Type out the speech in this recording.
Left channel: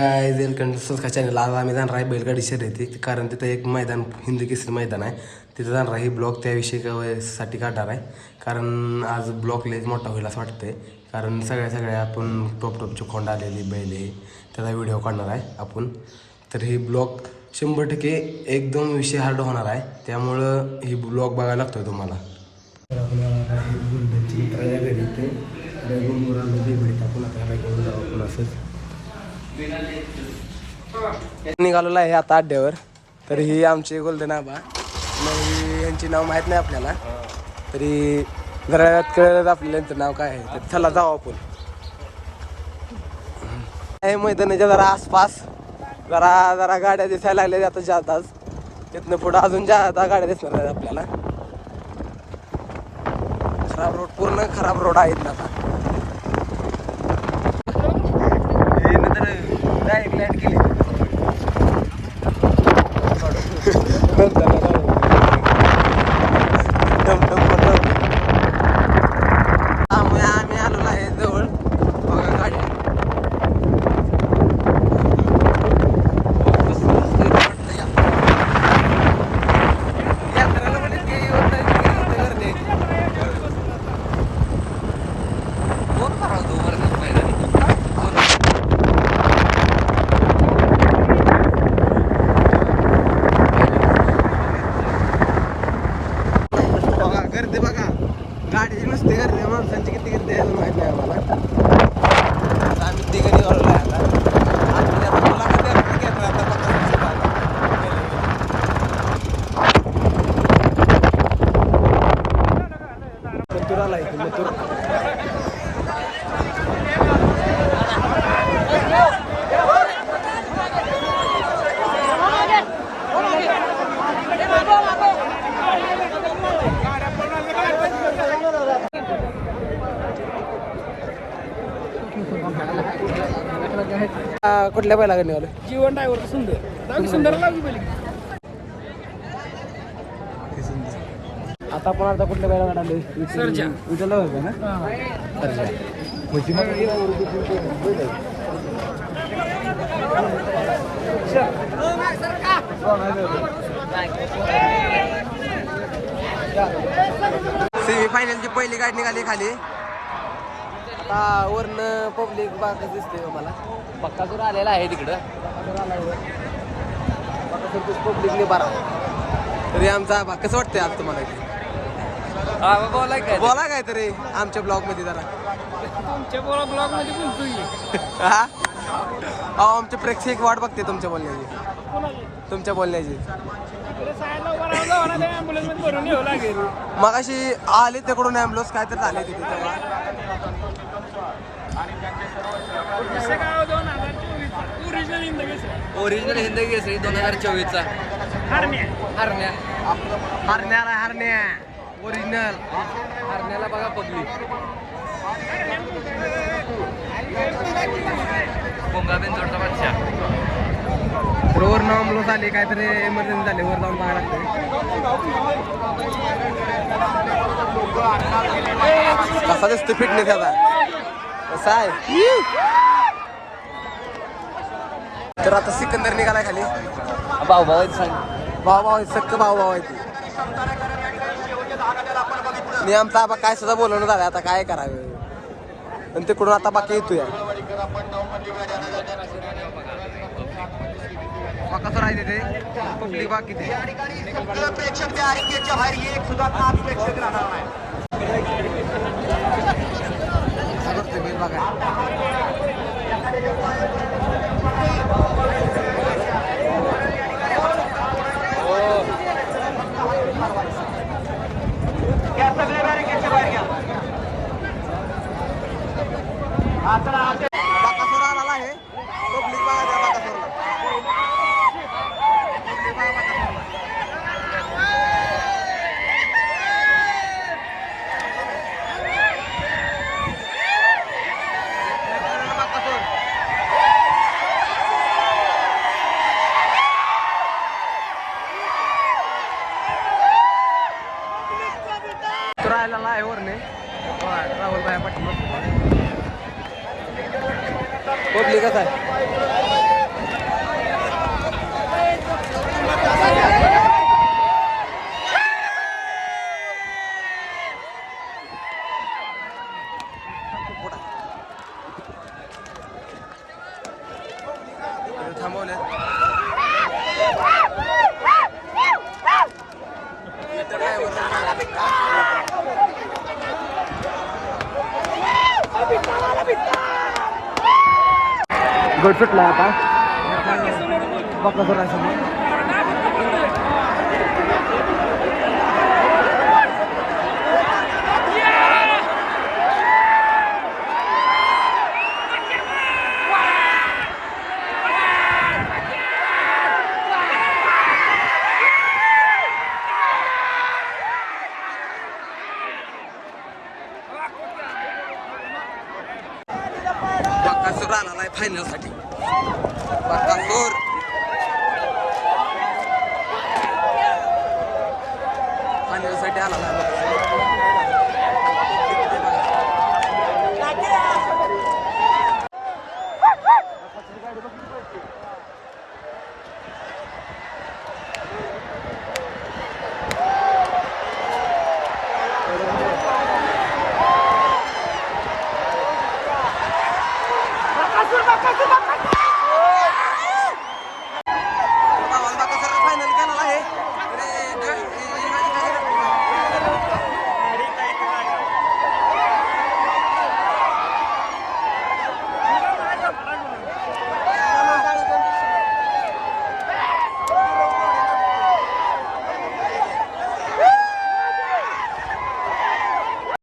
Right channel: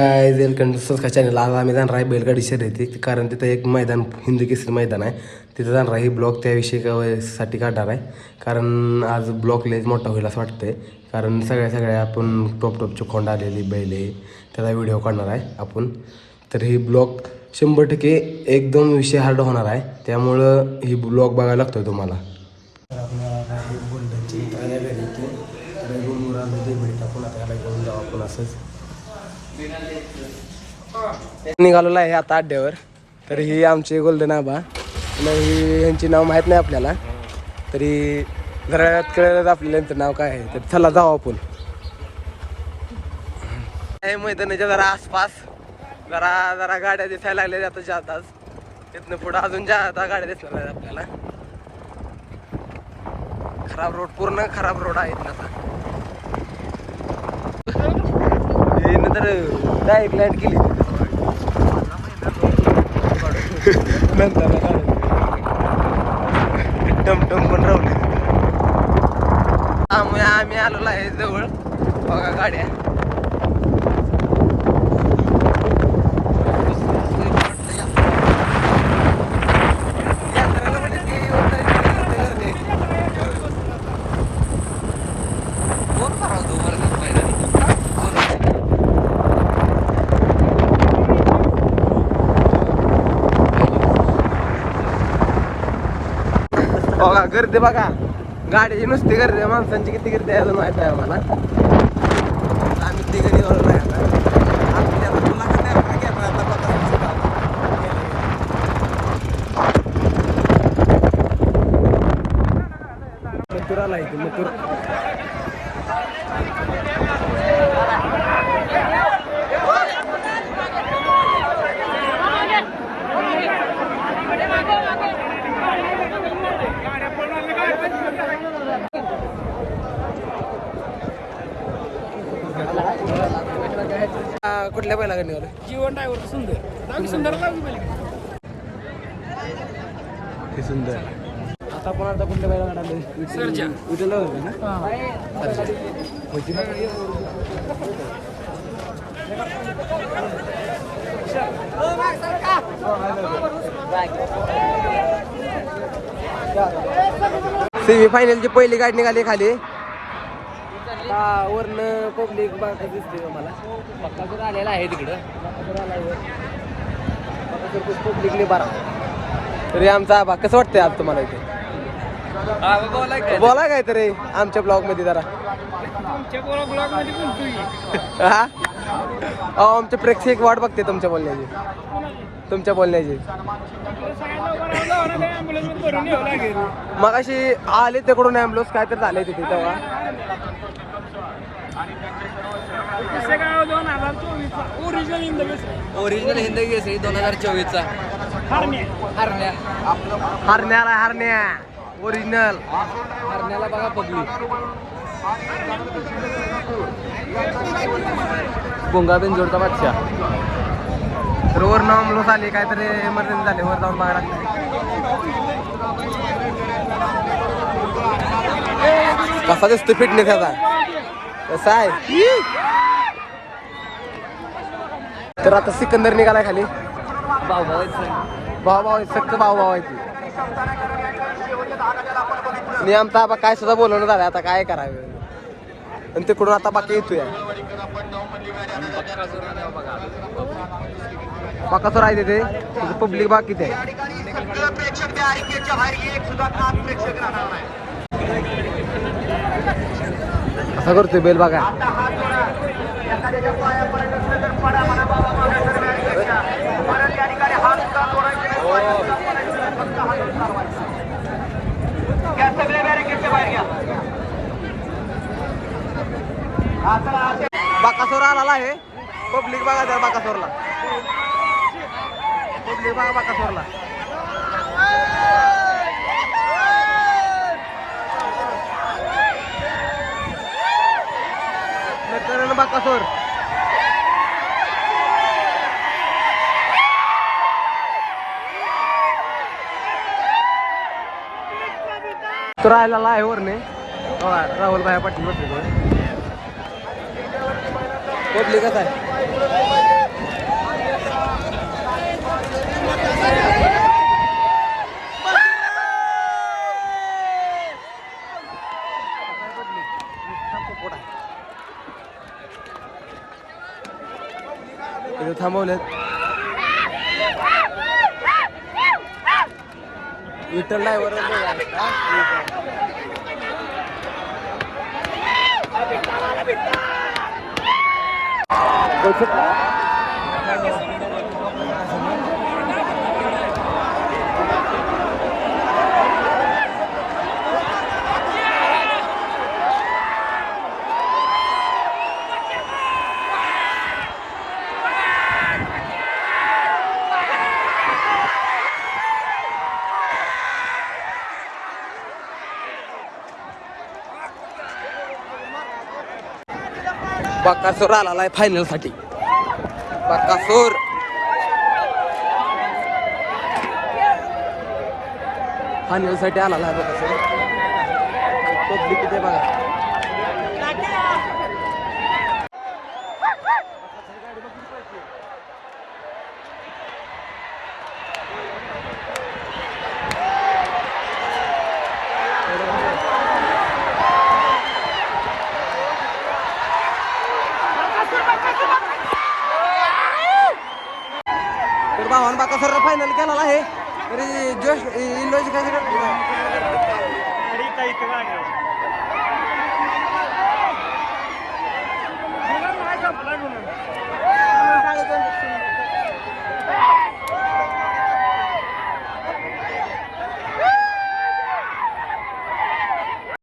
Contest channel आज आम्ही जाणार आहे बैलगाडी शर्यती, कारण तिथं एक मैदान हिंदी केसरी मैदान आहे, तिथं जाणार आहे. ही ब्लॉग त्याविषयी साठी काढणार आहे, कारण आज ब्लॉग लेज मोठा होईल असं वाटतंय. कारण सगळ्या आपण टॉपचे खोंड आलेली बैल आहे, त्याचा व्हिडिओ काढणार आहे आपण. तर ही ब्लॉग 100% एकदम विषय हार्ड होणार आहे, त्यामुळं ही ब्लॉग बघायला लागतोय तुम्हाला. तर आपण बुलढाण्याची मित्र या घरी ते आपण आता घेऊन जाऊ आपण असंच निघालेलो आहे आता अड्ड्यावर. तर ही आमची गोल्डन आबा, ही यांची नाव माहीत नाही आपल्याला, तरी जरा कळलं आपल्याला यांचं नाव काय आहे. तर चला जाऊ आपण. हे मैदानाच्या जरा आसपास जरा गाड्या दिसायला लागल्या आता जाताच. तिथनं पुढं अजून जाता गाड्या दिसणार आहेत आपल्याला. खराब रोड, पूर्ण खराब रोड आहेत ना आता. डायरेक्ट लाईट केली. टमटम पण राहू. आम्ही आलेलो आहे जवळ, बघा गाड्या. बघा गर्दी, बघा गाडीची नुसती गर्दी, माणसांची किती गर्दी आहे माहित नाही आम्हाला. आम्ही ते घरी आलो नाही मथुर आला इथे. मथुर कुठल्या बैला निघालो? जीवन ड्रायव्हर सुंदर लागू बैल. हे सुंदर. आता आपण आता कुठल्या बैला गाडले? सर्जा. विठ्ठल होता ना? सर्जा. सेमी फायनलची पहिली गाडी निघाली खाली. आता वरनं पब्लिक बाग दिसते मला. बक्कासूर आलेला आहे तिकडं. बकासूर आलाय वर. बकासूर पब्लिकने बारा. तरी आमचा आबा कसं वाटतंय आज तुम्हाला इथे? बोला काय तरी आमच्या ब्लॉग मध्ये जरा. तुमच्या ब्लॉग मध्ये बोलतोय. हा, आमचे प्रेक्षक वाट बघते तुमच्या बोलण्याची. मग अशी आले तिकडून ॲम्ब्युलन्स काय तर झाले तिथे तेव्हा. ओरिजिनल हिंदी केसरी 2024चा हरण्या ओरिजिनल हरण्याला बघा पब्लिक. भुंगाबेन जोडता बादशाह. बरोबर ॲम्ब्युलन्स झाले, काहीतरी एमर्जन्सी झाली, वर जाऊन बघा. कसा दिसतो फिटनेस आता? कसा आहे? तर आता सिकंदर निघालाय खाली. भाऊ सक्क भाऊ आहे ती. मी आमचा आबा काय सुद्धा बोलवलं झालं, आता काय करावे. आणि तिकडून आता बाकी येतोय बकासूर आहे तिथे. पब्लिक बाकी ते असं करतोय बेल बघा. बकासूर आला आहे. पब्लिक बघा त्या बकासूरला. पब्लिक बघा बकासूरला. बकासूर तो राहिलेला आहे वरने. राहुल भाई पाटील. पब्लिकच आहे. इथे थांबवलेत विठ्ठल ड्रायव्हर बक्कासूर आलाय फायनल साठी. बक्कासूर फायनल साठी आला आहे बघा. तर भावान बक्कासूर फायनल केलेला आहे. तरी जोश इंडोनेशिया